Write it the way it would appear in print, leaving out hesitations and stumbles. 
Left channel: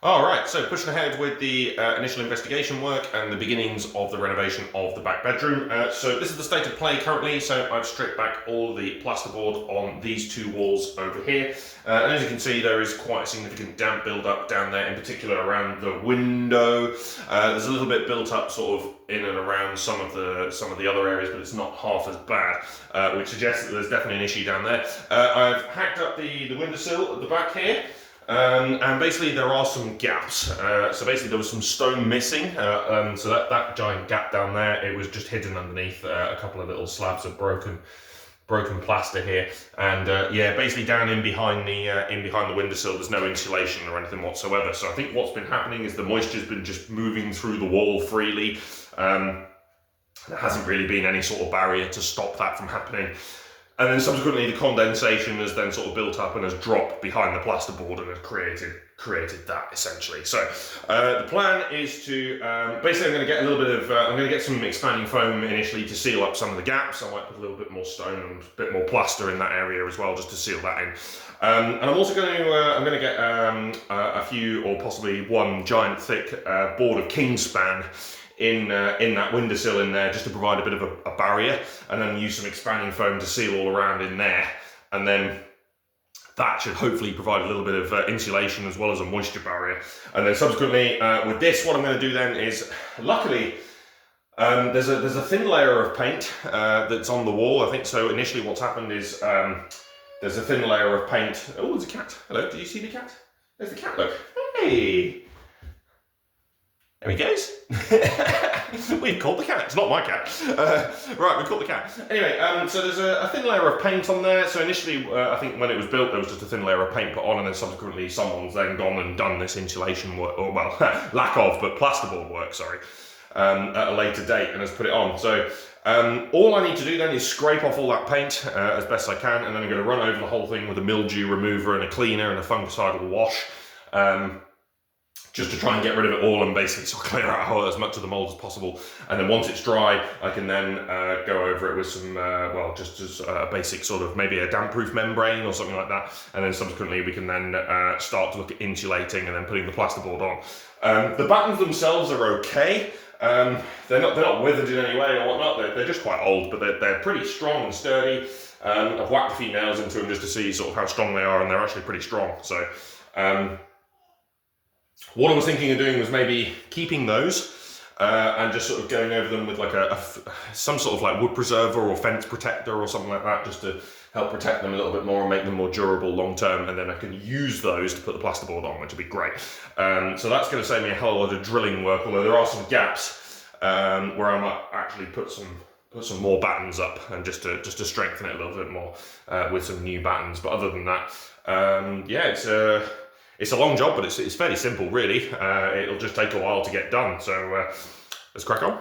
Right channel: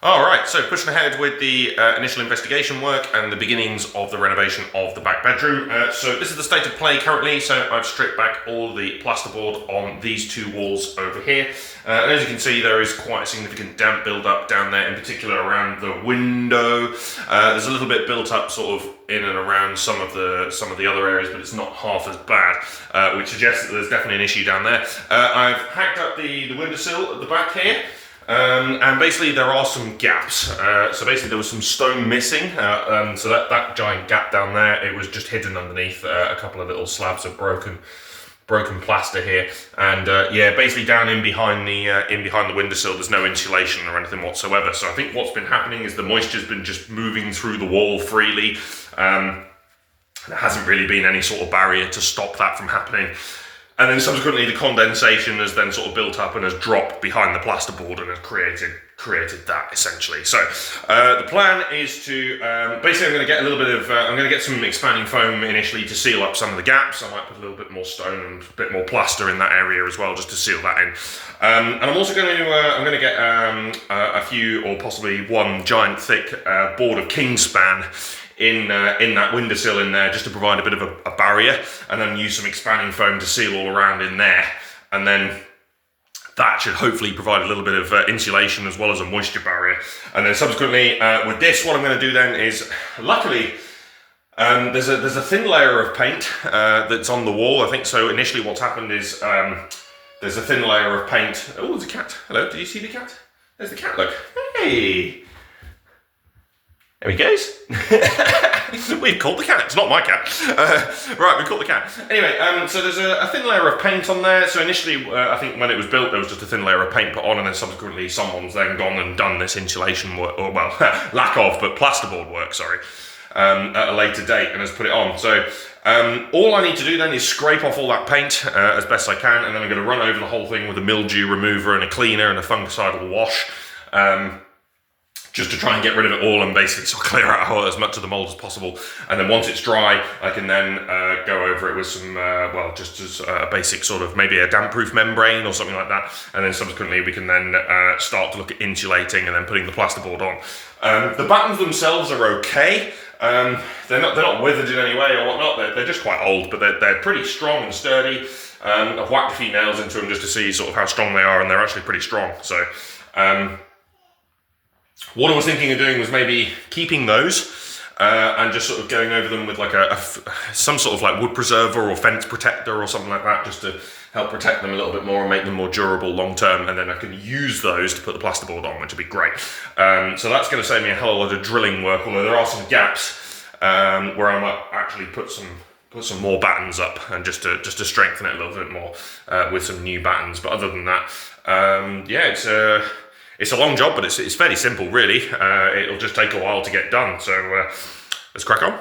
All right, so pushing ahead with the initial investigation work and the beginnings of the renovation of the back bedroom. So this is the state of play currently. So I've stripped back all the plasterboard on these two walls over here. And as you can see, there is quite a significant damp build-up down there, in particular around the window. There's a little bit built up sort of in and around some of the other areas, but it's not half as bad, which suggests that there's definitely an issue down there. I've hacked up the windowsill at the back here. And basically there are some gaps. So basically there was some stone missing. So that giant gap down there, it was just hidden underneath a couple of little slabs of broken plaster here. And yeah, basically down in behind the windowsill, there's no insulation or anything whatsoever. So I think what's been happening is the moisture's been just moving through the wall freely. There hasn't really been any sort of barrier to stop that from happening. And then subsequently the condensation has then sort of built up and has dropped behind the plasterboard and has created that essentially. So the plan is to, basically I'm going to get a little bit of, I'm going to get some expanding foam initially to seal up some of the gaps. I might put a little bit more stone and a bit more plaster in that area as well, just to seal that in. And I'm also going to, I'm going to get a few, or possibly one giant thick board of Kingspan in that windowsill in there, just to provide a bit of a barrier, and then use some expanding foam to seal all around in there, and then that should hopefully provide a little bit of insulation as well as a moisture barrier. And then subsequently with this, what I'm going to do then is, luckily there's a thin layer of paint that's on the wall. I think so initially what's happened is there's a thin layer of paint. Oh, there's a cat. Hello, do you see the cat? There's the cat, look. Hey! There he goes. We've caught the cat. It's not my cat. Right, we've caught the cat. Anyway, so there's a thin layer of paint on there. So initially, I think when it was built, there was just a thin layer of paint put on, and then subsequently someone's then gone and done this insulation work, or well, lack of, but plasterboard work, sorry, at a later date, and has put it on. So all I need to do then is scrape off all that paint as best I can, and then I'm going to run over the whole thing with a mildew remover and a cleaner and a fungicidal wash. Just to try and get rid of it all and basically sort of clear out as much of the mold as possible. And then once it's dry, I can then go over it with some, well, just as a basic sort of maybe a damp-proof membrane or something like that. And then subsequently we can then start to look at insulating and then putting the plasterboard on. The battens themselves are okay. They're not withered in any way or whatnot. They're just quite old, but they're pretty strong and sturdy. I've whacked a few nails into them just to see sort of how strong they are, and they're actually pretty strong. So what I was thinking of doing was maybe keeping those and just sort of going over them with like some sort of like wood preserver or fence protector or something like that, just to help protect them a little bit more and make them more durable long term, and then I can use those to put the plasterboard on, which would be great. So that's going to save me a hell of a lot of drilling work, although there are some gaps where I might actually put some more battens up, and just to strengthen it a little bit more with some new battens. But other than that, yeah, it's a long job, but it's fairly simple, really. It'll just take a while to get done. So let's crack on.